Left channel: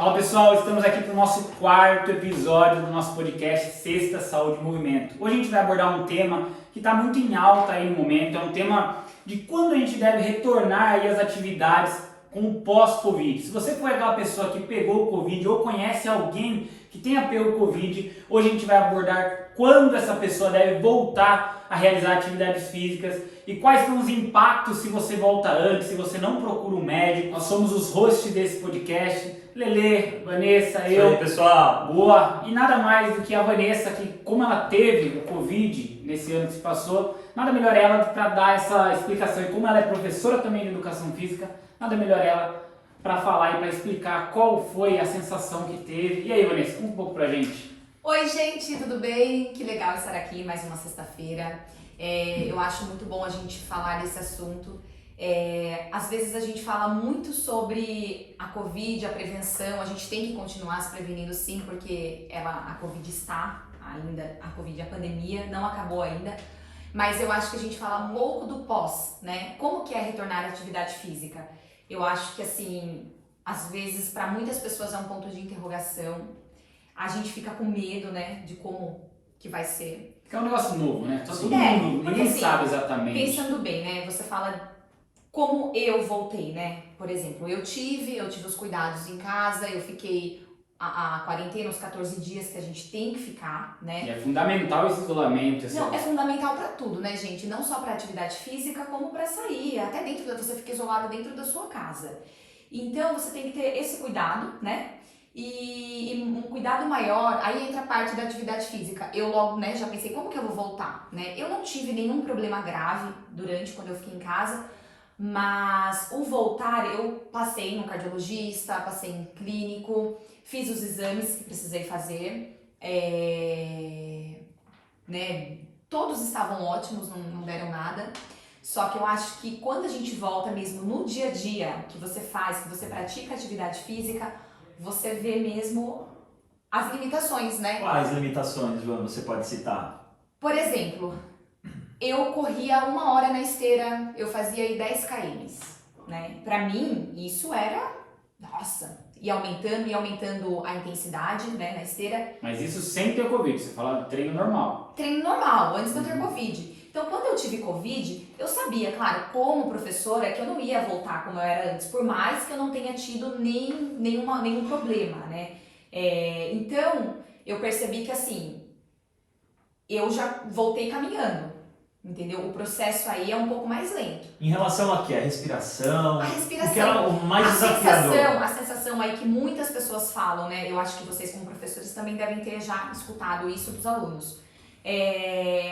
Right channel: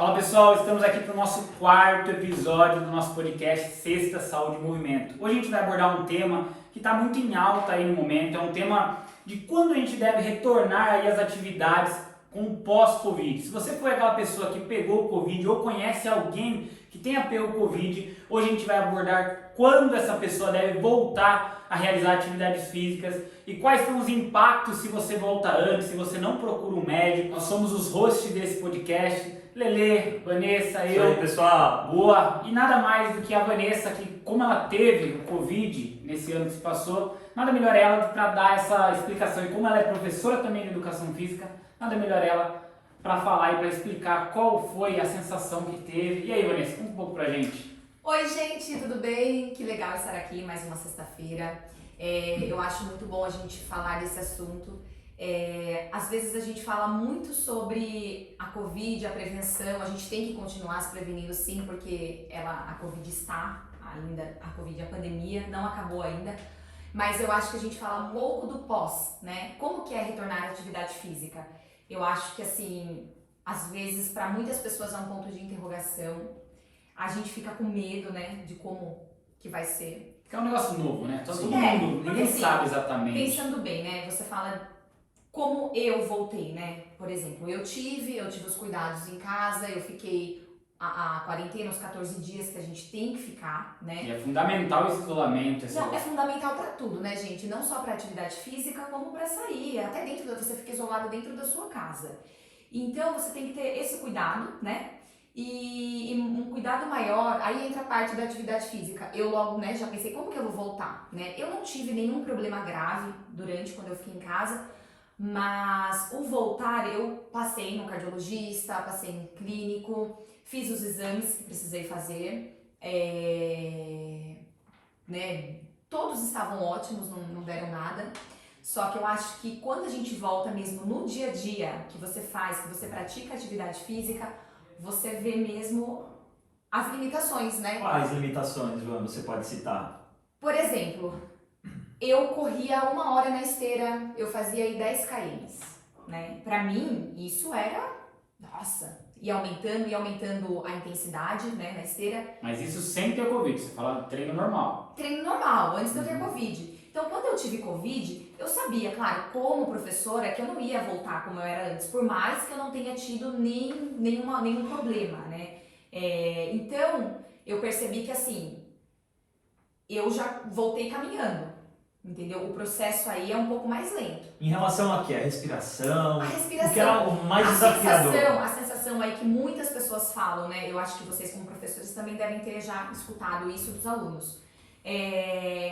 Fala pessoal, estamos aqui para o nosso quarto episódio do nosso podcast Sexta Saúde e Movimento. Hoje a gente vai abordar um tema que está muito em alta aí no momento, é um tema de quando a gente deve retornar aí às atividades com o pós-Covid. Se você foi aquela pessoa que pegou o Covid ou conhece alguém que tenha pego o Covid, hoje a gente vai abordar quando essa pessoa deve voltar a realizar atividades físicas e quais são os impactos se você volta antes, se você não procura um médico. Nós somos os hosts desse podcast, Lelê, Vanessa, eu. E aí, pessoal? Boa! E nada mais do que a Vanessa, que como ela teve o Covid nesse ano que se passou, nada melhor ela para dar essa explicação. E como ela é professora também de Educação Física, nada melhor ela para falar e para explicar qual foi a sensação que teve. E aí, Vanessa, conta um pouco pra gente. Oi, gente, tudo bem? Que legal estar aqui mais uma sexta-feira. Eu acho muito bom a gente falar desse assunto. Às vezes a gente fala muito sobre a Covid, a prevenção, a gente tem que continuar se prevenindo sim, porque a Covid está ainda, a pandemia não acabou ainda, mas eu acho que a gente fala um pouco do pós, né? Como que é retornar à atividade física? Eu acho que assim, às vezes para muitas pessoas é um ponto de interrogação, a gente fica com medo, né, de como que vai ser. Porque é um negócio novo, né? Todo mundo, ninguém assim, sabe exatamente. Pensando bem, né, você fala como eu voltei, né? Por exemplo, eu tive os cuidados em casa, eu fiquei a quarentena, os 14 dias que a gente tem que ficar, né? E é fundamental esse isolamento. Não, é fundamental para tudo, né, gente? Não só para atividade física, como para sair. Até você fica isolado dentro da sua casa. Então, você tem que ter esse cuidado, né? E um cuidado maior, aí entra a parte da atividade física. Eu logo, né, já pensei, como que eu vou voltar, né? Eu não tive nenhum problema grave quando eu fiquei em casa, mas o voltar, eu passei no cardiologista, passei em clínico, fiz os exames que precisei fazer, né? Todos estavam ótimos, não deram nada. Só que eu acho que quando a gente volta mesmo no dia a dia, que você pratica atividade física, você vê mesmo as limitações, né? Quais limitações, João, você pode citar? Por exemplo, eu corria 1 hora na esteira, eu fazia aí 10 km, né? Pra mim, isso era, nossa, ia aumentando a intensidade, né, na esteira. Mas isso sem ter Covid, você fala treino normal. Treino normal, antes de eu ter Covid. Então, quando eu tive Covid, eu sabia, claro, como professora, que eu não ia voltar como eu era antes, por mais que eu não tenha tido nenhum problema, né? Então, eu percebi que, assim, eu já voltei caminhando, entendeu? O processo aí é um pouco mais lento. Em relação a quê? A respiração? A respiração. O que era o mais desafiador? A sensação aí que muitas pessoas falam, né? Eu acho que vocês como professores também devem ter já escutado isso dos alunos.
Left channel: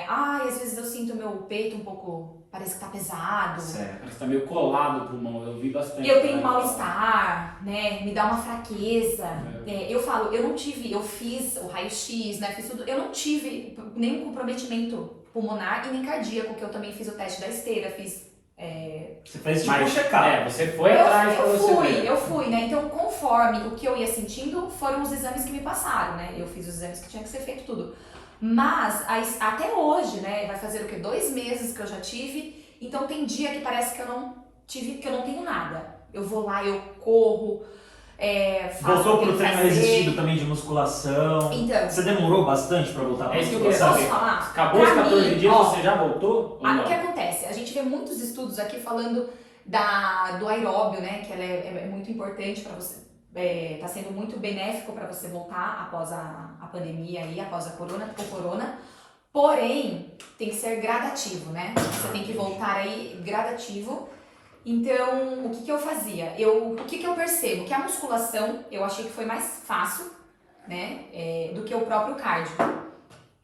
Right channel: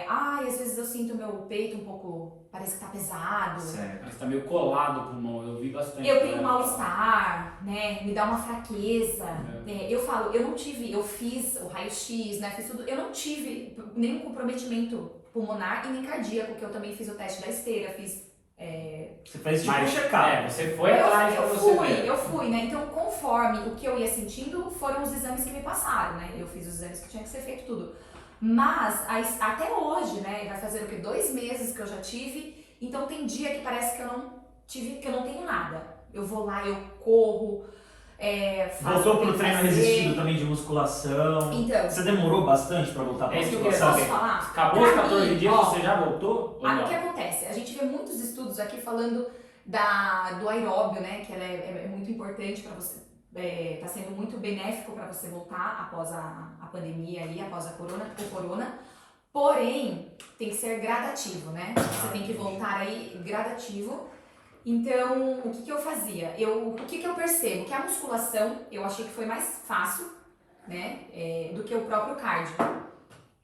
Às vezes eu sinto meu peito um pouco, parece que tá pesado. Certo. Parece que tá meio colado o pulmão, eu vi bastante. Eu tenho mal-estar, né? Me dá uma fraqueza. Eu falo, eu fiz o raio-x, né? Fiz tudo. Eu não tive nenhum comprometimento pulmonar e nem cardíaco, que eu também fiz o teste da esteira, fiz. Você fez tipo um check-up. Você foi atrás pra você ver. Eu fui, né? Então, conforme o que eu ia sentindo, foram os exames que me passaram, né? Eu fiz os exames que tinha que ser feito tudo. Mas, até hoje, né? Vai fazer o quê? 2 meses que eu já tive. Então, tem dia que parece que eu não tenho nada. Eu vou lá, eu corro, faço. Voltou pro treino resistido também de musculação. Então. Você demorou bastante pra voltar pra É isso que eu queria musculação? saber. Posso falar? Acabou os Pra 14 mim, dias, ó, você já voltou? Ou não? O que acontece? A gente vê muitos estudos aqui falando do aeróbio, né? Que ela é muito importante para você. Tá sendo muito benéfico para você voltar após a pandemia aí, após o corona. Porém, tem que ser gradativo, né? Você tem que voltar aí gradativo. Então, o que eu fazia? O que eu percebo? Que a musculação, eu achei que foi mais fácil, né? Do que o próprio cardio.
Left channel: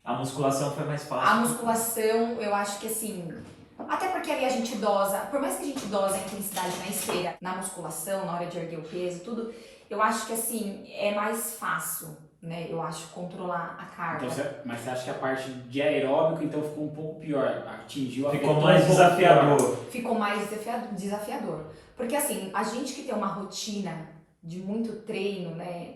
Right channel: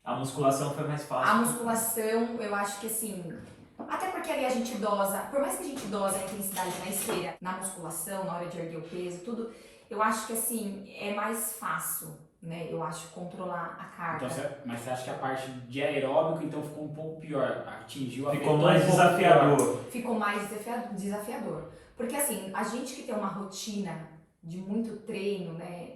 A musculação foi mais fácil. A musculação, eu acho que assim, até porque ali a gente dosa, por mais que a gente dosa a intensidade na esteira, na musculação, na hora de erguer o peso, tudo, eu acho que assim, é mais fácil, né? Eu acho controlar a carga. Então, mas você acha que a parte de aeróbico então ficou um pouco pior? Ficou Ficou mais desafiador. Ficou mais desafiador. Porque assim, a gente que tem uma rotina de muito treino, né?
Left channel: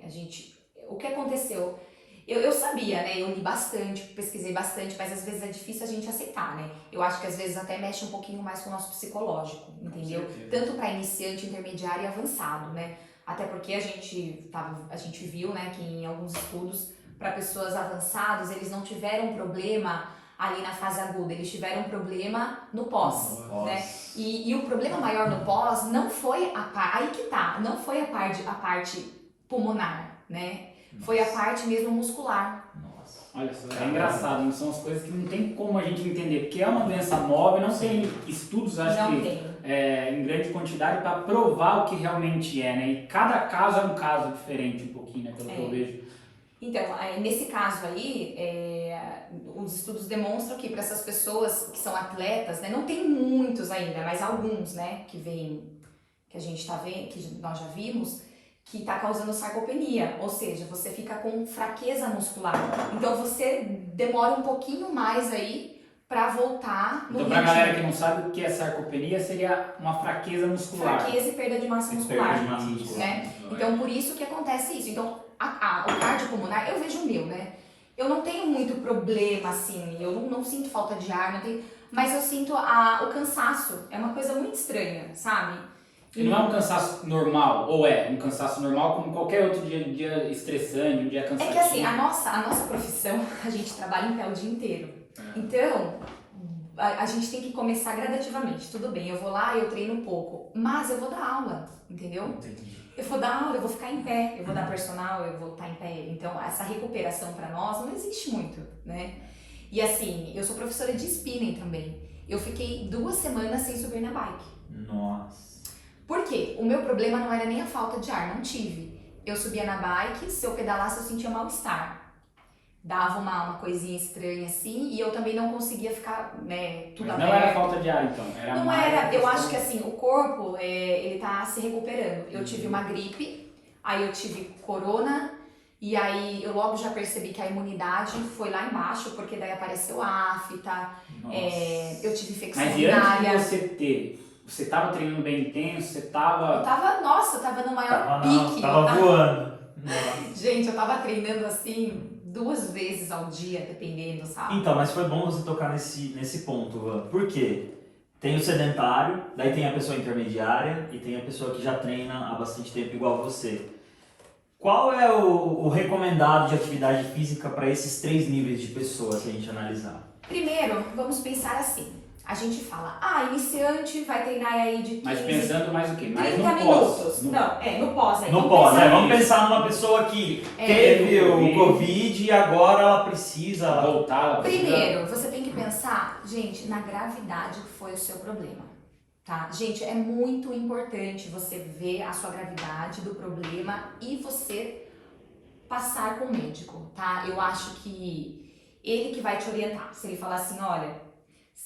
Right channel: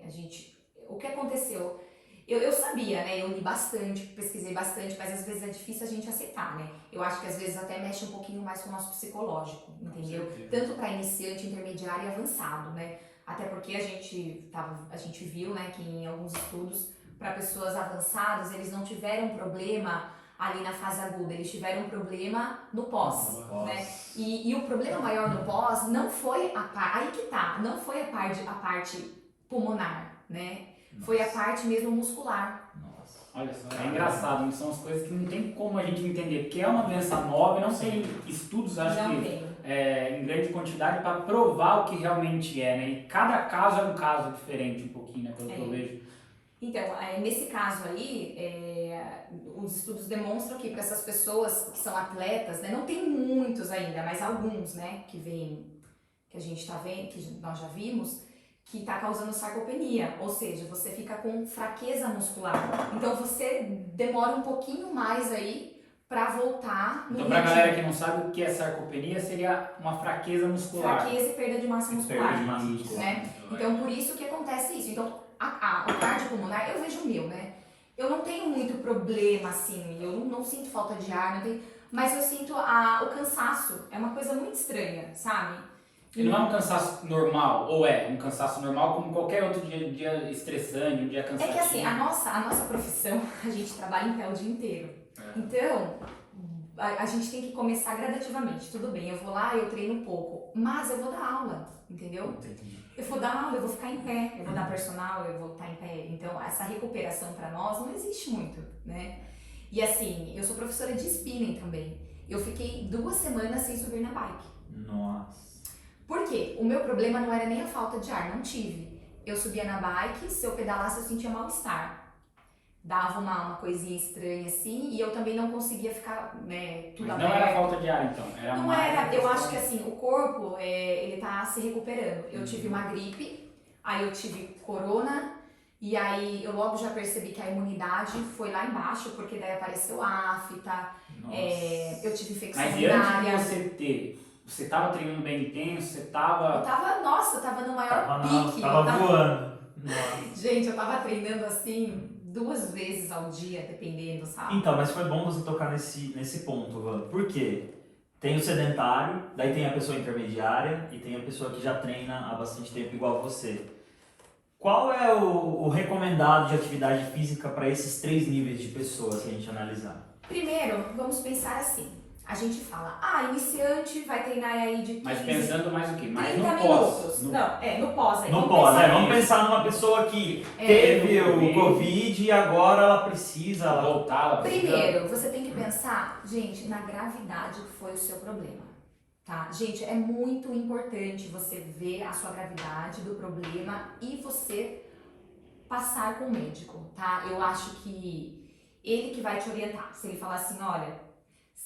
O que aconteceu? Eu sabia, né? Eu li bastante, pesquisei bastante, mas às vezes é difícil a gente aceitar, né? Eu acho que às vezes até mexe um pouquinho mais com o nosso psicológico, entendeu? Tanto para iniciante, intermediário e avançado, né? Até porque a gente viu, né, que em alguns estudos, para pessoas avançadas, eles não tiveram problema ali na fase aguda, eles tiveram problema no pós, né? E o problema maior no pós não foi aí que tá, não foi a parte pulmonar, né? Foi a parte mesmo muscular. Nossa. Olha só, é engraçado, não são as coisas que não tem como a gente entender, porque é uma doença móvel, não tem estudos, acho Não que tem. em grande quantidade para provar o que realmente é, né? E cada caso é um caso diferente um pouquinho, né? Pelo que eu vejo. Então, nesse caso aí, os estudos demonstram que para essas pessoas que são atletas, né, não tem muitos ainda, mas alguns, né, que a gente tá vendo, que nós já vimos, que está causando sarcopenia, ou seja, você fica com fraqueza muscular. Então você demora um pouquinho mais aí para voltar no Então, pra galera que não sabe o que é sarcopenia, seria uma fraqueza muscular. Fraqueza e perda de massa muscular. Perda de massa muscular. Né? Então, por isso que acontece isso. Então, o cardiopulmonar, eu vejo o meu, né? Eu não tenho muito problema, assim, eu não sinto falta de ar, não tenho, mas eu sinto o cansaço. É uma coisa muito estranha, sabe? E não é um cansaço normal, ou é um cansaço normal como qualquer outro dia estressante, um dia cansativo? É que assim, a nossa profissão, a gente trabalha em pé o dia inteiro. Então, a gente tem que começar gradativamente. Tudo bem, eu vou lá, eu treino um pouco, mas eu vou dar aula, entendeu? Entendi. Eu vou dar aula, eu vou ficar em pé, eu vou dar personal, eu vou estar em pé. Então, essa recuperação para nós não existe muito, né? E assim, eu sou professora de spinning também. Eu fiquei 2 semanas sem subir na bike. Nossa. Por quê? O meu problema não era nem a falta de ar, não tive. Eu subia na bike, se eu pedalasse eu sentia mal-estar. Dava uma coisinha estranha assim, e eu também não conseguia ficar, né, tudo Mas aberto. não era falta de ar, então? Não mais era, eu questão- acho que assim, o corpo, ele tá se recuperando. Eu tive uma gripe, aí eu tive corona, e aí eu logo já percebi que a imunidade foi lá embaixo, porque daí apareceu afta, Nossa. eu tive infecção Mas e antes urinária. de você ter? Você tava treinando bem intenso? Você tava... Eu tava no maior pique. Tava voando. Nossa. Gente, eu tava treinando assim 2 vezes ao dia, dependendo, sabe? Então, mas foi bom você tocar nesse ponto, Van. Por quê? Tem o sedentário, daí tem a pessoa intermediária e tem a pessoa que já treina há bastante tempo igual você. Qual é o recomendado de atividade física para esses 3 níveis de pessoas que a gente analisar? Primeiro, vamos pensar assim. A gente fala, iniciante vai treinar aí de 15, Mas pensando mais o quê? Mais 30 no pós. minutos. No- Não, no pós aí. No Vamos pós, pensar vamos nisso. pensar numa pessoa que É. teve o Covid e agora ela precisa... Voltar lá. Primeiro, você tem que pensar, gente, na gravidade que foi o seu problema, tá? Gente, é muito importante você ver a sua gravidade do problema e você passar com o médico, tá? Eu acho que ele que vai te orientar. Se ele falar assim, olha,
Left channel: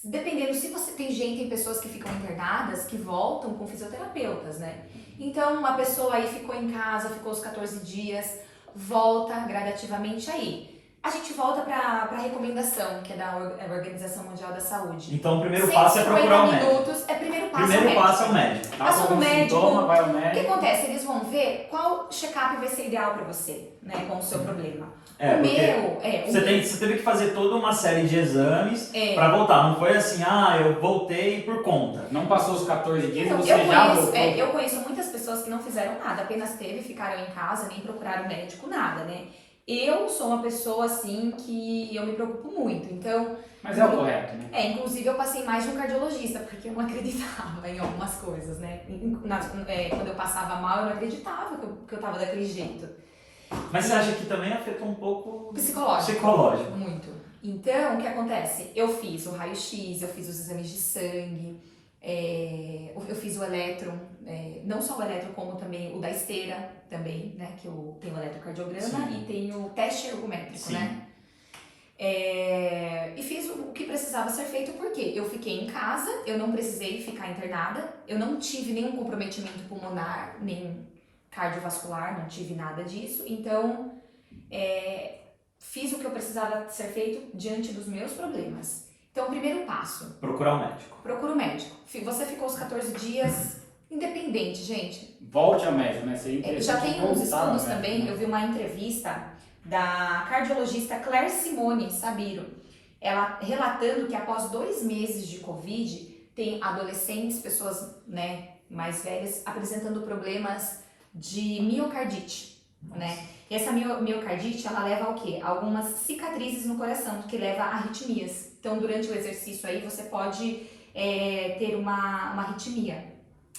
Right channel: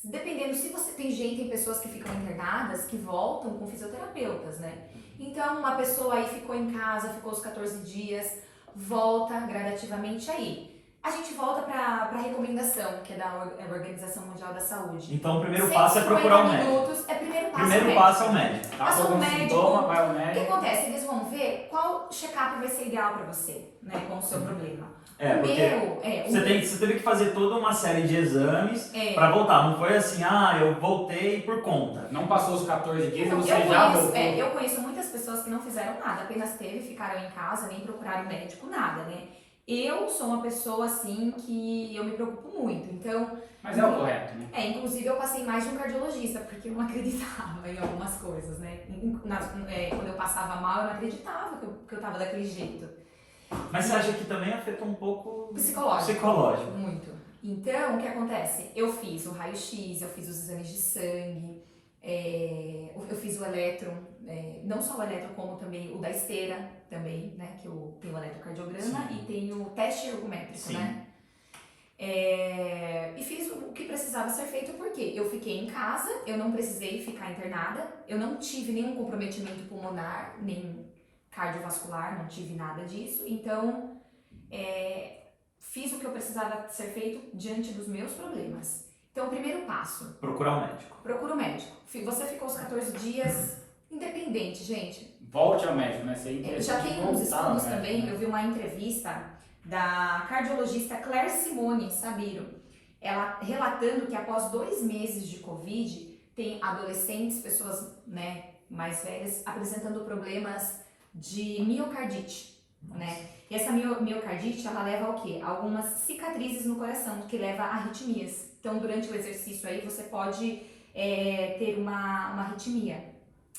dependendo, se você tem pessoas que ficam internadas que voltam com fisioterapeutas, né? Então, uma pessoa aí ficou em casa, ficou os 14 dias, volta gradativamente aí. A gente volta para a recomendação, que é da Organização Mundial da Saúde. Então o primeiro passo é procurar o 150 médico. minutos, primeiro passo Primeiro é o médico. passo é o médico. Tá Passa com no algum médico. sintoma, vai ao O que médico. acontece? Eles vão ver qual check-up vai ser ideal para você, né, com o seu problema. É, o porque meu, você teve que fazer toda uma série de exames É. pra voltar. Não foi assim, eu voltei por conta. Não passou os 14 dias Então, e você já voltou. eu conheço muitas pessoas que não fizeram nada, apenas ficaram em casa, nem procuraram médico, nada, né? Eu sou uma pessoa, assim, que eu me preocupo muito, então... Mas é o correto, né? Inclusive eu passei mais de um cardiologista, porque eu não acreditava em algumas coisas, né? Quando eu passava mal, eu não acreditava que eu tava daquele jeito. Mas você acha que também afeta um pouco Psicológico. Muito. Então, o que acontece? Eu fiz o raio-x, eu fiz os exames de sangue, eu fiz o eletro, não só o eletro, como também o da esteira, também, né? Que eu tenho o eletrocardiograma e tenho o teste ergométrico, Sim. né? E fiz o que precisava ser feito, porque eu fiquei em casa, eu não precisei ficar internada, eu não tive nenhum comprometimento pulmonar, nem cardiovascular, não tive nada disso, então fiz o que eu precisava ser feito diante dos meus problemas. Então, o primeiro passo, Procurar o médico. procura o médico. Você ficou os 14 dias independente, gente. Volte ao médico, né? Seria Já interessante tem uns voltar ao estudos médico, também, né? eu vi uma entrevista da cardiologista Claire Simone Sabiro, ela relatando que após 2 meses de Covid, tem adolescentes, pessoas, né, mais velhas, apresentando problemas de miocardite, né? E essa miocardite, ela leva ao quê? Algumas cicatrizes no coração, que leva a arritmias. Então, durante o exercício aí, você pode ter uma arritmia,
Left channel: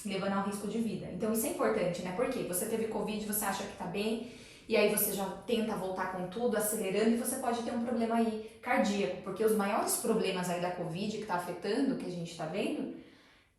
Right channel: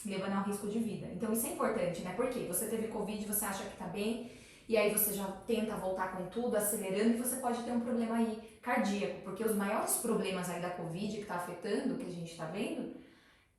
levando ao risco de vida. Então, isso é importante, né? Porque você teve Covid, você acha que tá bem, e aí você já tenta voltar com tudo, acelerando, e você pode ter um problema aí cardíaco, porque os maiores problemas aí da Covid que tá afetando, que a gente tá vendo,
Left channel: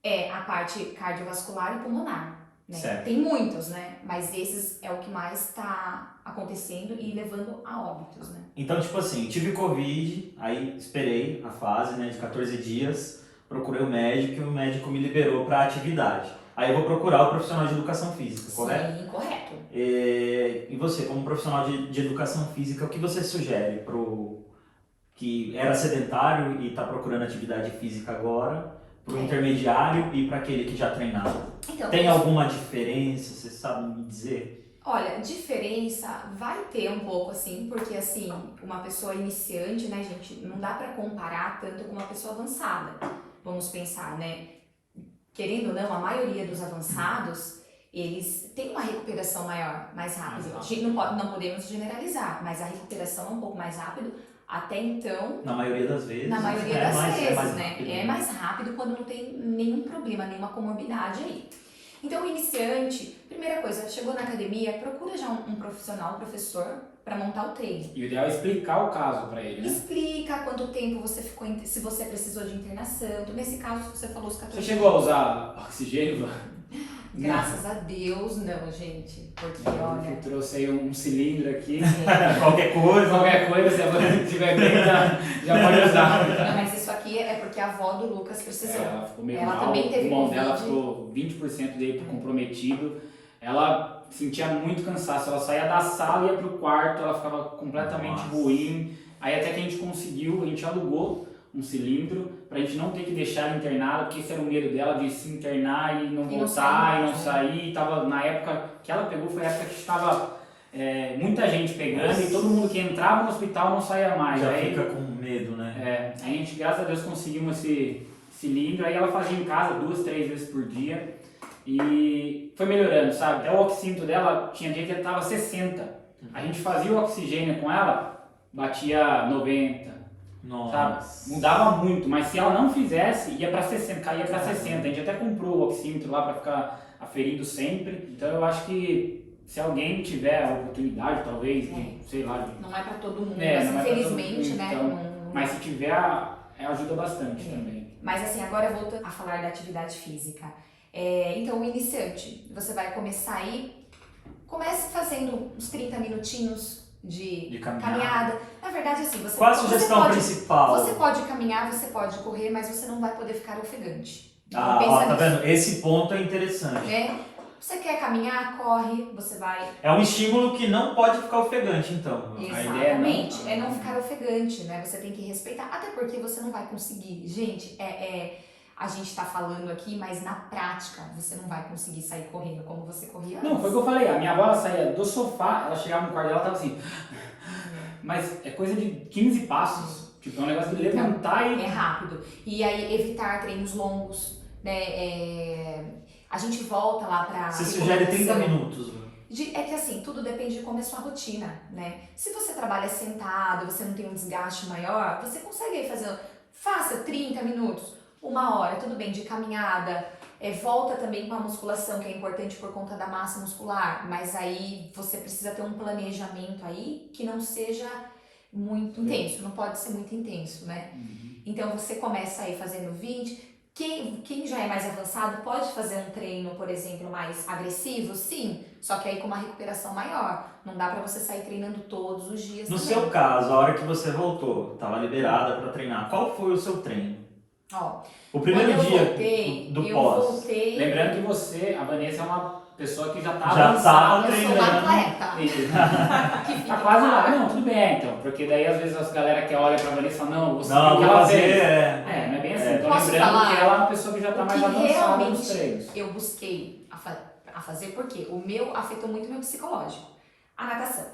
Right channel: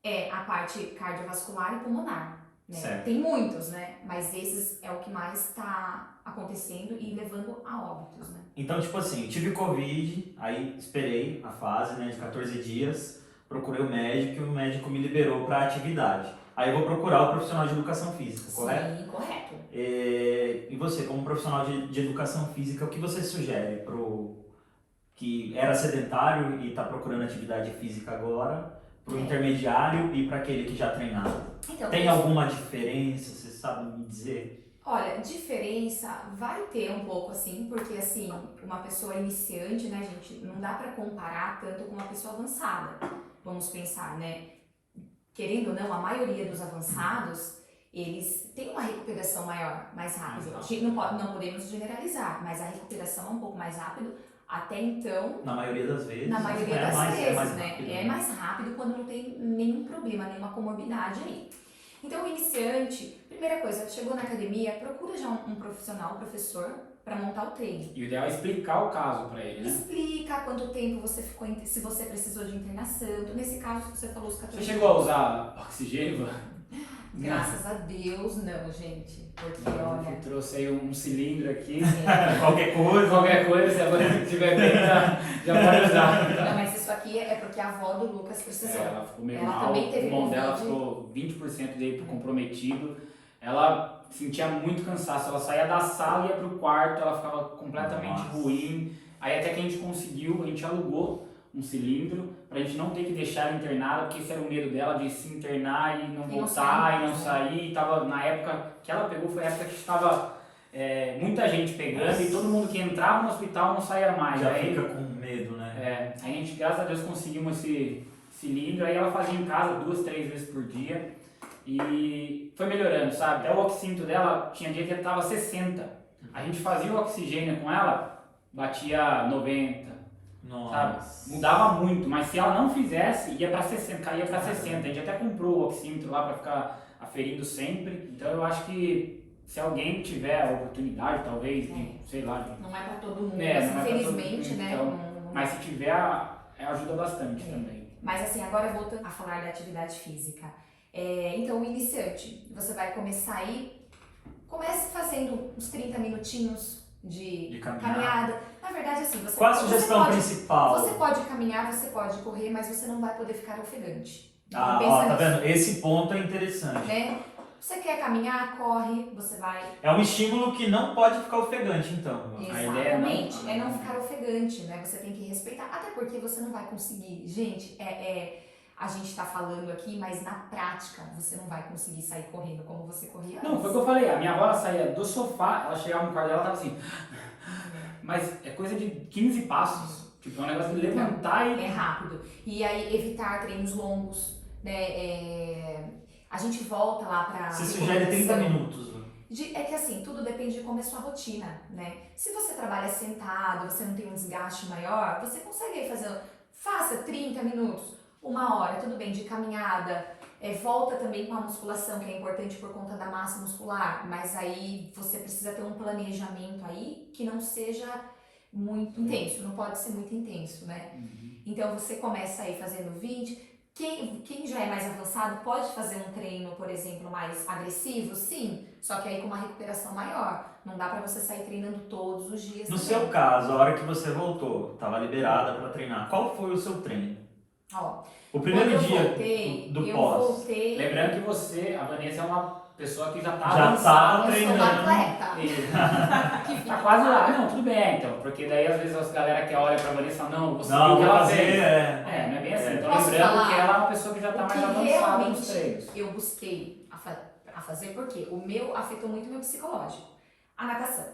é a parte cardiovascular e pulmonar. Né? Certo. Tem muitos, né? Mas esses é o que mais está acontecendo e levando a óbitos, né? Então, tipo assim, tive Covid, aí esperei a fase, né, de 14 dias, procurei o médico e o médico me liberou para atividade. Aí eu vou procurar o profissional de educação física, correto? Sim, correto. E você, como profissional de educação física, o que você sugere pro que era sedentário e está procurando atividade física agora, pro intermediário e para aquele que já treinava? Então, Tem alguma diferença? Você sabe me dizer? olha, diferença vai ter um pouco assim, porque assim, uma pessoa iniciante, né, gente, não dá para comparar tanto com uma pessoa avançada. Vamos pensar, né? Querendo ou não, a maioria dos avançados, eles têm uma recuperação maior, mais rápida. A gente não podemos generalizar, mas a recuperação é um pouco mais rápido. Até então, Na maioria das vezes. na maioria das vezes, é mais né? rápido. É mais rápido quando não tem nenhum problema, nenhuma comorbidade aí. Então, o iniciante, primeira coisa, chegou na academia, procura já um profissional, um professor, para montar o treino. E o ideal é explicar o caso para ele, né? Explica quanto tempo você ficou, se você precisou de internação. Então, nesse caso, você falou os 14 Você chegou a usar oxigênio? Graças a Deus, não, gente. Porque, olha... Eu trouxe aí um cilindro aqui. Qualquer coisa. Qualquer coisa, se tiver bem, já pode usar. Não, mas isso aqui é porque a avó do Lucas precisou. Ela ficou meio Ela mal, também o teve pulmão Covid. dela ficou 20% dele comprometido. Ela sentia muito cansaço, ela saía da sala e ia pro quarto, ela ficava completamente ruim. Aí até que a gente conseguiu, a gente alugou um cilindro pra gente não ter que deixar ela internada, porque esse era o medo dela de se internar e não voltar e não sair. Tava, na época que ela pegou, foi a época que estava muita gente pegando e todo mundo que entrava no hospital não saía mais. Já aí, fica com medo, né? a gente, graças a Deus, conseguimos esse cilindro, aí ela fazia em casa 2, 3 vezes por dia e foi melhorando, sabe? Até o oxímetro dela tinha dia que ele tava 60. A gente fazia o oxigênio com ela, batia 90. Nossa. Sabe? Mudava muito, mas se ela não fizesse, ia para 60, caía para 60. A gente até comprou o oxímetro lá para ficar aferido sempre. Então eu acho que se alguém tiver a oportunidade, talvez, sei lá. Não é para todo mundo, mas mas infelizmente, né? Então, mas se tiver, ajuda bastante também. Mas assim, agora voltando a falar da atividade física. Então, o iniciante, você vai começar aí, comece fazendo uns 30 minutinhos de caminhada. Na verdade, assim, Qual a sugestão principal? Você pode caminhar, você pode correr, mas você não vai poder ficar ofegante. Então, tá vendo? Esse ponto é interessante. Né? Você quer caminhar, corre, você vai... É um estímulo que não pode ficar ofegante, então. Exatamente. É não ficar ofegante, né? Você tem que respeitar, até porque você não vai conseguir. Gente, a gente tá falando aqui, mas na prática você não vai conseguir sair correndo como você corria antes. Não, foi o que eu falei. A minha avó, ela saía do sofá, ela chegava no quarto dela, ela tava assim... Mas é coisa de 15 passos. Tipo, é um negócio de levantar e... É rápido. E aí, evitar treinos longos, né? A gente volta lá pra... Você sugere 30 minutos, né? É que assim, tudo depende de como é a sua rotina, né? Se você trabalha sentado, você não tem um desgaste maior, você consegue aí fazer... Faça 30 minutos, 1 hora, tudo bem, de caminhada. Volta também com a musculação, que é importante por conta da massa muscular, mas aí você precisa ter um planejamento aí que não seja muito intenso, não pode ser muito intenso, né? Então você começa aí fazendo 20, quem já é mais avançado pode fazer um treino, por exemplo, mais agressivo, sim, só que aí com uma recuperação maior, não dá pra você sair treinando todos os dias. No também. seu caso, a hora que você voltou, estava liberada para treinar, qual foi o seu treino? Ó, O primeiro dia do eu pós. voltei... Lembrando que você, a Vanessa, é uma pessoa que já tá Já avançada. tava Eu sou uma treinando. atleta. E Que fique tá quase lá. claro. Não, tudo bem, então. Porque daí, às vezes, as galera que olha pra Vanessa falam, não, você Não, viu o que vou ela fazer, fez. é. Não é bem assim. Tô Posso lembrando falar? que ela é uma pessoa que já tá O mais que avançada nos realmente treinos. eu busquei a fazer, porque o meu afetou muito o meu psicológico. A natação.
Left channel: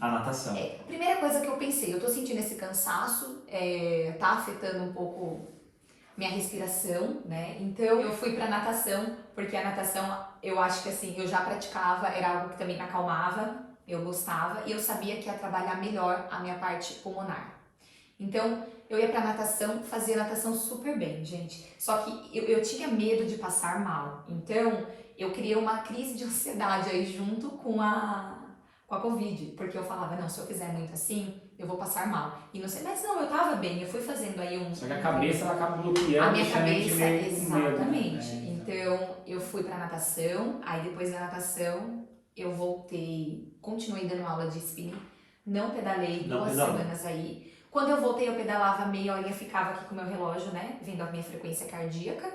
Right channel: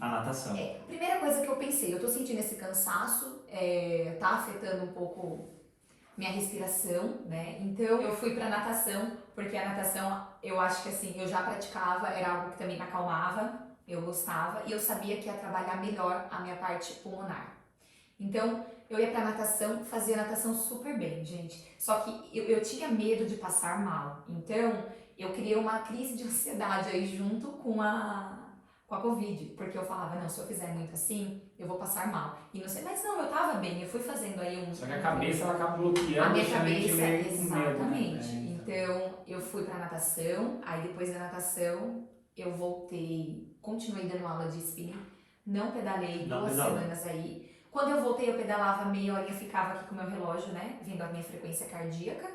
A natação. Primeira coisa que eu pensei, eu tô sentindo esse cansaço, tá afetando um pouco minha respiração, né? Então eu fui pra natação, porque a natação eu acho que assim, eu já praticava, era algo que também me acalmava, eu gostava e eu sabia que ia trabalhar melhor a minha parte pulmonar. Então, eu ia pra natação, fazia natação super bem, gente. Só que eu tinha medo de passar mal. Então, eu criei uma crise de ansiedade aí junto com a Covid. Porque eu falava, não, se eu fizer muito assim, eu vou passar mal. E não sei, mas não, eu tava bem, eu fui fazendo aí um... Só que a cabeça ela acaba bloqueando. A minha deixando a gente cabeça, meio com medo, exatamente. né? Então, eu fui pra natação, aí depois da natação, eu voltei, continuei dando aula de spinning, não pedalei Não 2 pedalou. semanas aí. Quando eu voltei, eu pedalava meia horinha, ficava aqui com o meu relógio, né, vendo a minha frequência cardíaca.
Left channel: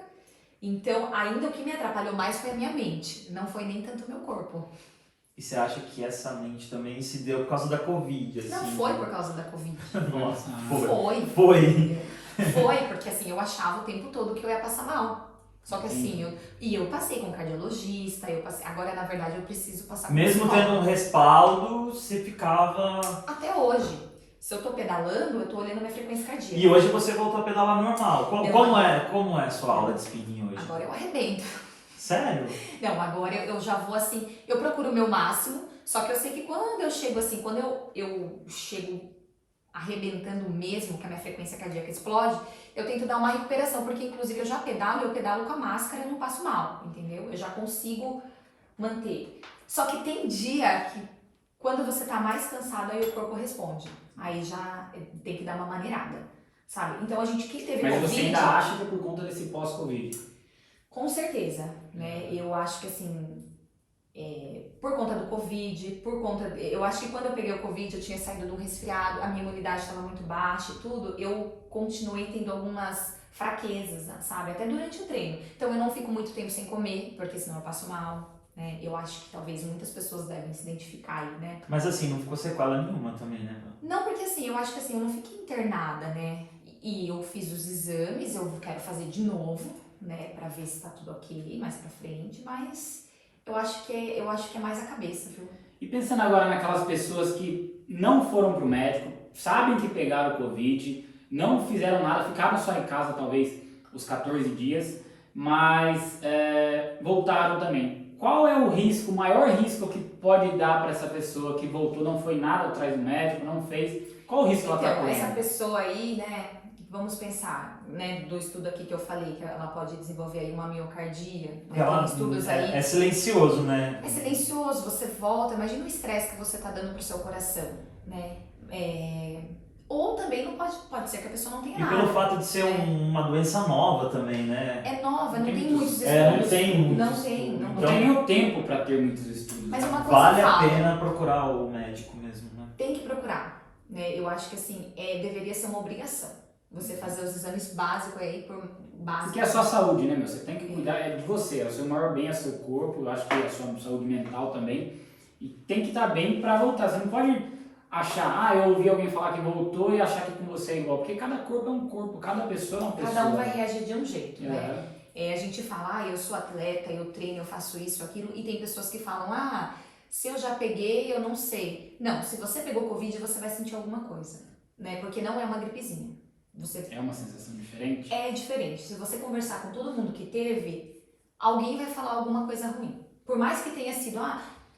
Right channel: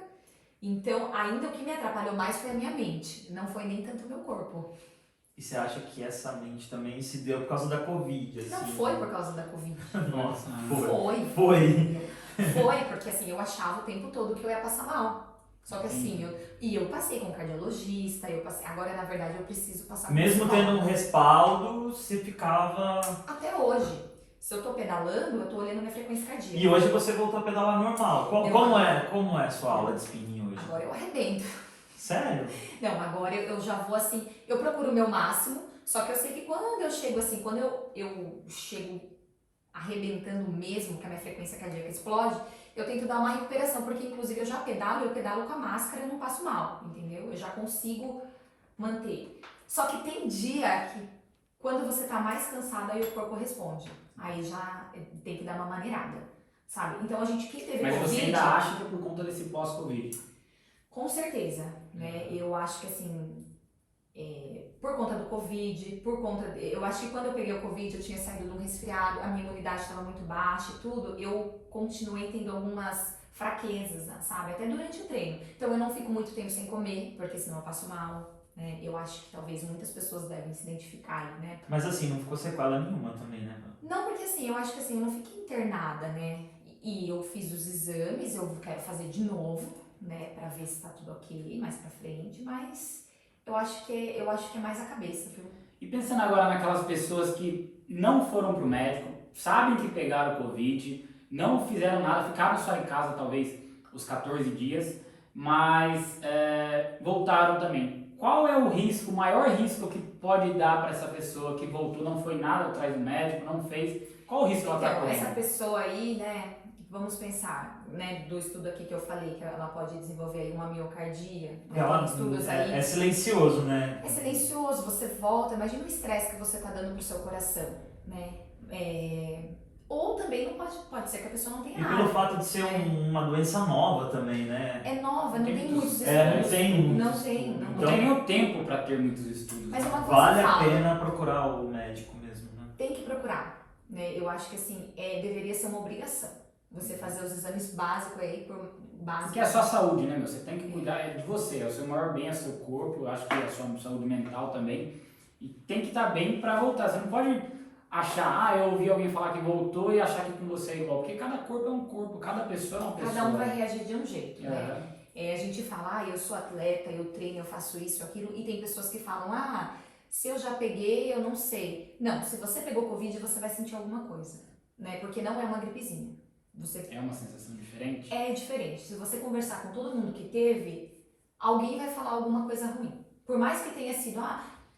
Então, ainda o que me atrapalhou mais foi a minha mente, não foi nem tanto o meu corpo. E você acha que essa mente também se deu por causa da Covid, assim? Não foi por causa da Covid. Nossa, Foi. Foi, porque assim, eu achava o tempo todo que eu ia passar mal. Só que assim, eu passei com cardiologista, eu passei, agora na verdade eu preciso passar com Mesmo psicólogo. tendo um respaldo, você ficava... Até hoje, se eu tô pedalando, eu tô olhando minha frequência cardíaca. E hoje você voltou a pedalar normal. Eu- Como é a sua aula de spinning hoje? Agora eu arrebento. Sério? Não, agora eu já vou assim, eu procuro o meu máximo, só que eu sei que quando eu chego assim, quando eu chego arrebentando mesmo, que a minha frequência cardíaca explode, eu tento dar uma recuperação, porque inclusive eu pedalo com a máscara e não passo mal, entendeu? Eu já consigo manter. Só que tem dia que quando você tá mais cansado, aí o corpo responde. Aí já tem que dar uma maneirada, sabe? Então a gente, quem teve Mas Covid... você ainda acha que é por conta desse pós-Covid? Com certeza, né? Eu acho que assim, por conta do Covid, eu acho que quando eu peguei o Covid, eu tinha saído de um resfriado, a minha imunidade estava muito baixa e tudo, eu continuei tendo algumas fraquezas, sabe? Até durante o treino. Então eu não fico muito tempo sem comer, porque senão eu passo mal, né? Eu acho que talvez muitas pessoas devem se identificar aí, né? Mas assim, não ficou sequela nenhuma também, né? Não, porque assim, eu acho que assim, eu não fiquei internada, né? E eu fiz os exames, eu quero fazer de novo, né, pra ver se tá tudo ok mais pra frente, mas eu acho que é mais a cabeça, viu? E pensando agora naquelas pessoas que não foram pro médico, sabem que pegaram Covid, não fizeram nada, ficaram só em casa talvez os 14 dias, mas voltaram também. Qual é o risco, o maior risco que pode dar para essa pessoa que voltou, não foi nada atrás do médico, não fez? Qual o risco ela está Então, correndo? essa pessoa aí, né, vamos pensar, né, do estudo aqui que eu falei, que ela pode desenvolver aí uma miocardia, né, tem estudos aí... É silencioso, né? É silencioso, você volta, imagina o estresse que você tá dando pro seu coração, né? Ou também não pode ser que a pessoa não tenha E nada. pelo fato de ser uma doença nova também, né? É nova, não Tem tem muitos- muitos não estudos. tem muitos Não tem, estudos. não Não Então, tem nem o tempo para ter muitos estudos. Mas uma coisa vale a fala, pena procurar o médico mesmo, né? tem que procurar, né? Eu acho que assim, deveria ser uma obrigação. Você fazer os exames básicos aí, Porque é a sua saúde, né, meu? Você tem que cuidar de você, é o seu maior bem, é o seu corpo, eu acho que é a sua saúde mental também. E tem que estar bem para voltar. Você não pode achar, eu ouvi alguém falar que voltou e achar que com você é igual. Porque cada corpo é um corpo, cada pessoa é uma pessoa. Cada um vai reagir de um jeito, né? É. A gente fala, eu sou atleta, eu treino, eu faço isso, aquilo, e tem pessoas que falam, se eu já peguei, eu não sei. Não, se você pegou Covid, você vai sentir alguma coisa, né? Porque não é uma gripezinha. É uma sensação diferente? É diferente. Se você conversar com todo mundo que teve, alguém vai falar alguma coisa ruim. Por mais que tenha sido,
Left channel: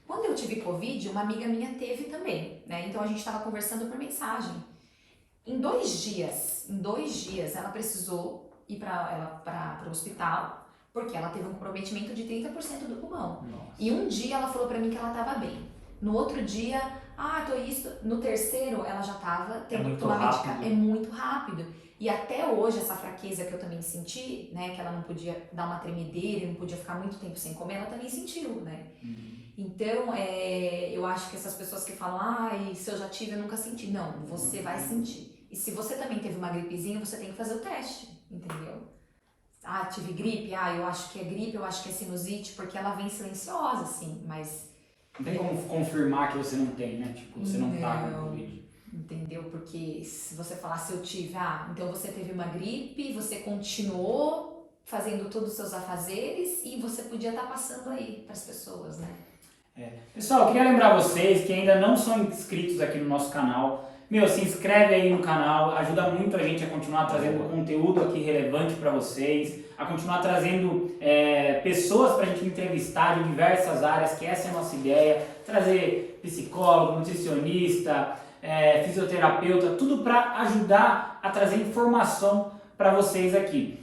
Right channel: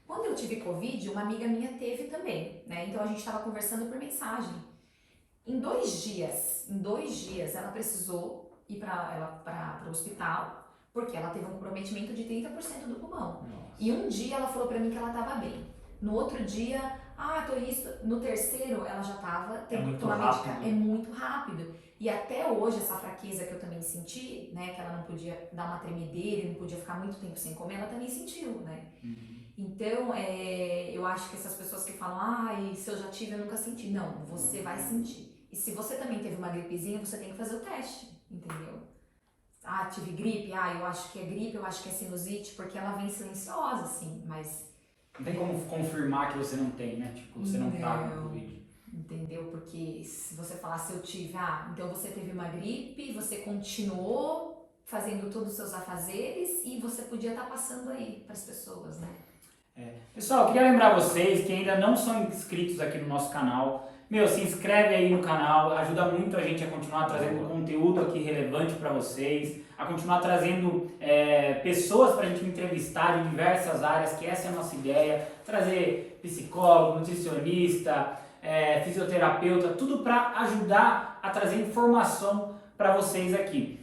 quando eu tive Covid, uma amiga minha teve também, né? Então a gente estava conversando por mensagem. Em 2 dias, ela precisou ir para o hospital, porque ela teve um comprometimento de 30% do pulmão. Nossa. E um dia ela falou pra mim que ela tava bem. No outro dia, tô isso. No terceiro, ela já tava tendo que muito tomar rápido. medicamento. É muito rápido. E até hoje, essa fraqueza que eu também senti, né, que ela não podia dar uma tremedeira, não podia ficar muito tempo sem comer, ela também sentiu, né? Então, eu acho que essas pessoas que falam, se eu já tive, eu nunca senti. Não, você vai sentir. E se você também teve uma gripezinha, você tem que fazer o teste, entendeu? Tive gripe, eu acho que é gripe, eu acho que é sinusite, porque ela vem silenciosa, assim, mas... Não tem como confirmar que você não tem, né? Tipo, você não tá com Covid. Entendeu? Porque se você falar se eu tive, então você teve uma gripe, você continuou fazendo todos os seus afazeres e você podia estar passando aí para as pessoas, né? Pessoal, eu queria lembrar vocês que ainda não são inscritos aqui no nosso canal, Meu, se inscreve aí no canal, ajuda muito a gente a continuar trazendo conteúdo aqui relevante para vocês, a continuar trazendo pessoas para a gente entrevistar de diversas áreas, que essa é a nossa ideia, trazer psicólogo, nutricionista, fisioterapeuta, tudo para ajudar a trazer informação para vocês aqui.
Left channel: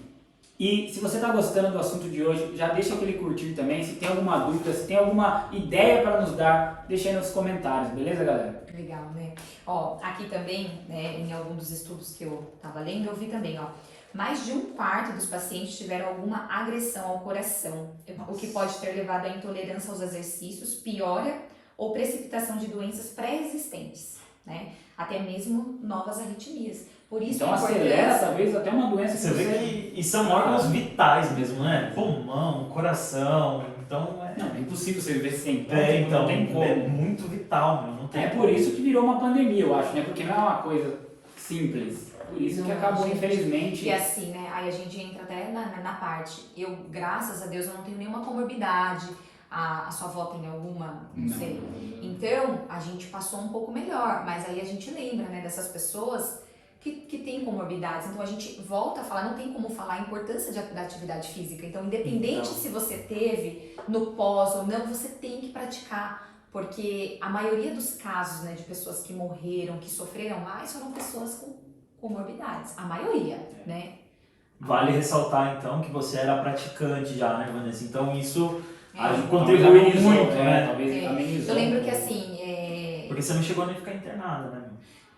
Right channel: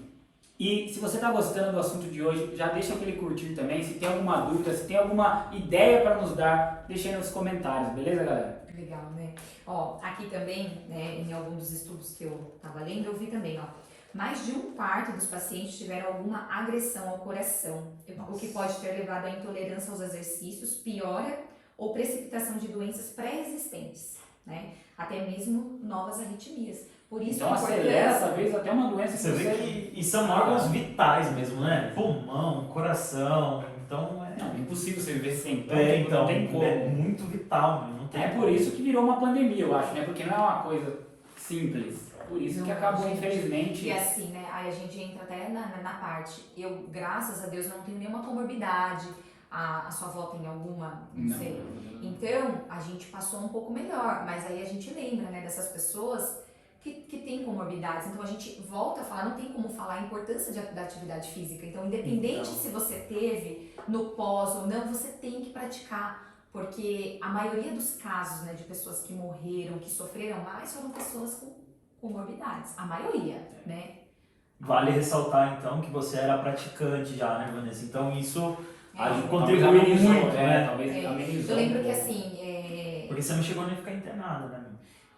E se você está gostando do assunto de hoje, já deixa aquele curtir também. Se tem alguma dúvida, se tem alguma ideia para nos dar, deixa aí nos comentários, beleza, galera? Legal, né? Ó, aqui também, né, em algum dos estudos que eu tava lendo, eu vi também, ó, mais de 1/4 dos pacientes tiveram alguma agressão ao coração, o que pode ter levado à intolerância aos exercícios, piora ou precipitação de doenças pré-existentes, né? Até mesmo novas arritmias. Por isso Então acelera, talvez, até uma doença que Você vê que e são órgãos vitais mesmo, né? Pulmão, coração, então Não, é impossível você viver sem. então, não tem como. é muito vital, né? Não tem É por isso que virou uma pandemia, eu acho, né? Porque não é uma coisa simples. Por isso que Não, acabou, gente, infelizmente. E assim, né? Aí a gente entra até na parte. Eu, graças a Deus, eu não tenho nenhuma comorbidade. A sua avó tem alguma? Não sei. Então, a gente passou um pouco melhor. Mas aí a gente lembra, né, dessas pessoas que têm comorbidades. Então, a gente volta a falar, não tem como falar a importância da atividade física. Então, independente se você teve no pós ou não, você tem que praticar. Porque a maioria dos casos, né, de pessoas que morreram, que sofreram mais, foram pessoas com comorbidades. A maioria, né? Vale ressaltar, então, que você era praticante já, né, Vanessa? Então, isso Talvez contribuiu amenizou, muito, né? Talvez amenizou. Eu lembro que, assim... Porque você não chegou nem a ficar internada, né?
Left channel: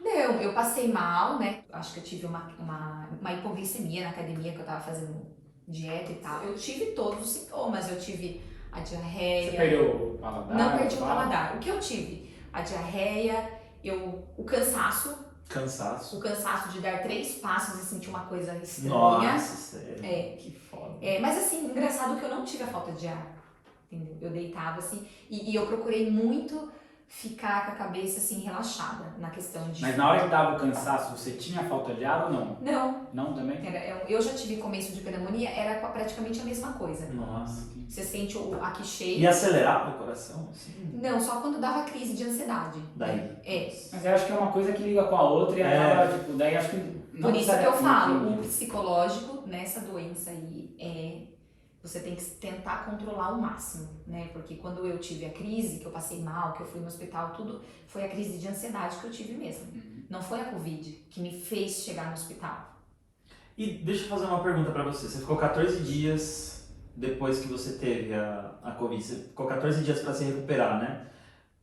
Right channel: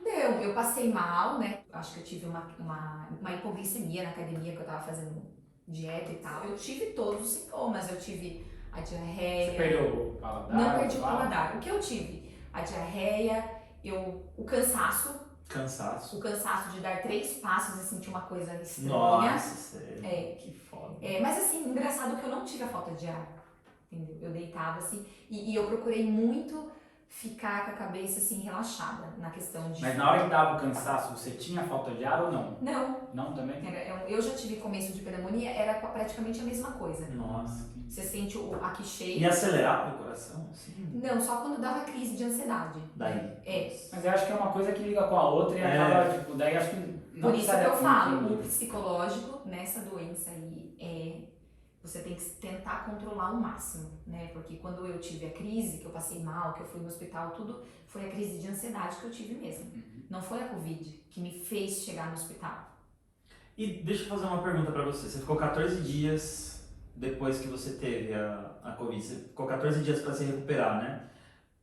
Não, eu passei mal, né? Acho que eu tive uma hipoglicemia na academia, que eu tava fazendo dieta e tal. Eu tive todos os sintomas. Eu tive a diarreia... Você perdeu o paladar? Não perdi o paladar. O que eu tive? A diarreia, o cansaço. Cansaço. O cansaço de dar 3 passos e sentir uma coisa estranha. Nossa, sério. Que foda. Mas assim, engraçado que eu não tive a falta de ar. Entendeu? Eu deitava assim e eu procurei muito ficar com a cabeça assim relaxada na questão de... Mas na hora que dava o cansaço, você tinha falta de ar ou não? Não. Não também? Eu já tive começo de pneumonia, era praticamente a mesma coisa. Nossa. Você sente aqui cheio. E acelerava o coração, assim? Não, só quando dava crise de ansiedade. Daí. Mas eu acho que é uma coisa que liga com a outra e acaba, tipo, daí acho que não Por isso que eu falo, o muito. psicológico nessa doença aí você tem que tentar controlar ao máximo, né? Porque quando eu tive a crise, que eu passei mal, que eu fui no hospital, tudo, foi a crise de ansiedade que eu tive mesmo. Não foi a Covid que me fez chegar no hospital. E deixa eu fazer uma pergunta pra você. Você ficou 14 dias depois que você teve a Covid. Você ficou 14 dias pra se recuperar, né?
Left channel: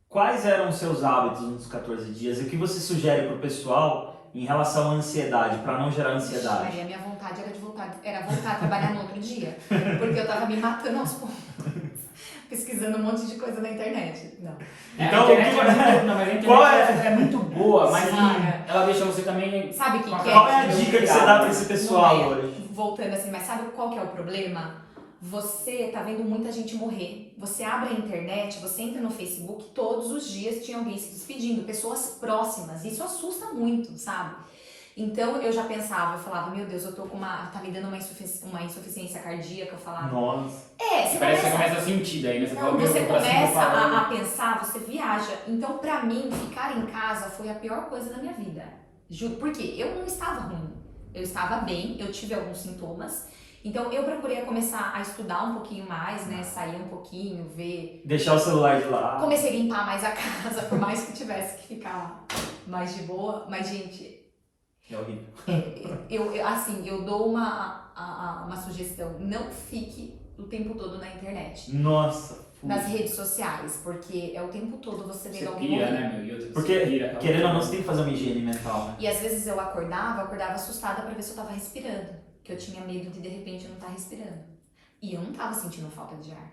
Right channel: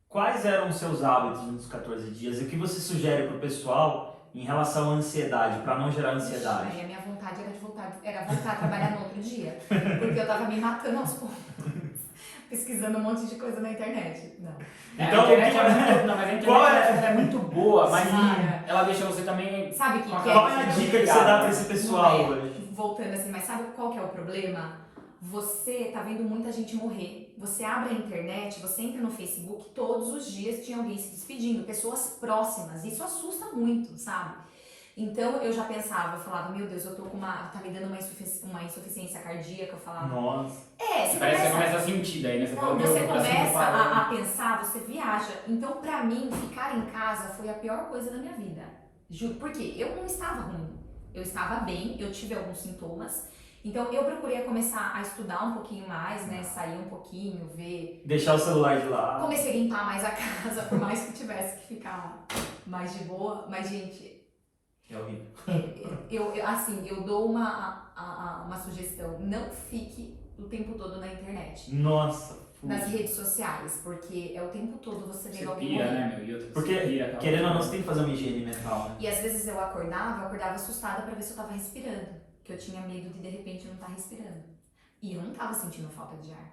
Quais eram os seus hábitos nos 14 dias? E o que você sugere pro pessoal em relação à ansiedade, pra não gerar ansiedade? Aí a minha vontade era voltar a trabalhar no outro dia. Porque eu tava me matando aos poucos. Pesquisando um monte de coisa na internet. Não. Então, a internet é muito boa, mas Sim. ela deixa você também... Sabe quem que é? Qual é a dica que você dá pra esse pessoal Não é. hoje? Voltando assim, mas sabe qual que é o problema? Você tá vendo muita gente morrer. Você abre a internet, você entra no Facebook, todos os dias tinha alguém se despedindo, pessoas próximas. Isso assusta muito, sabe? Então eu já pensava, eu falava, meu Deus, eu tô com tá me dando uma insuficiência cardíaca, eu falava. Nossa. Você Parece que você começa a sentir daí, né? Você, fala, você meu coração começa parou. a pensar, você viaja. Então, pra mim, ficar em casa foi a pior coisa da minha vida. Juro, porque eu não estava ruim. Eu estava bem, eu tive alguns sintomas. Então, eu procurei começar a estudar um pouquinho mais, né? Sair um pouquinho, ver... Deixar o celular de lado. Comecei a limpar mais a casa, por mais que tivesse que ficar mais de boa. Mas, gente... É horrível. eu dou uma sugestão. Não fique o tempo todo na internet. Nossa. Nas redes sociais, porque é o tempo todo você vendo Você alguém pira, morrer. né, meu? E outra, Porque, você pira, querendo ou não, você tem que fazer uma higiene mental, né? E às vezes eu acordava assustada pra ver se eu tava respirando. Que eu tinha medo de repente eu não estar respirando. E eu não tava sentindo falta de ar.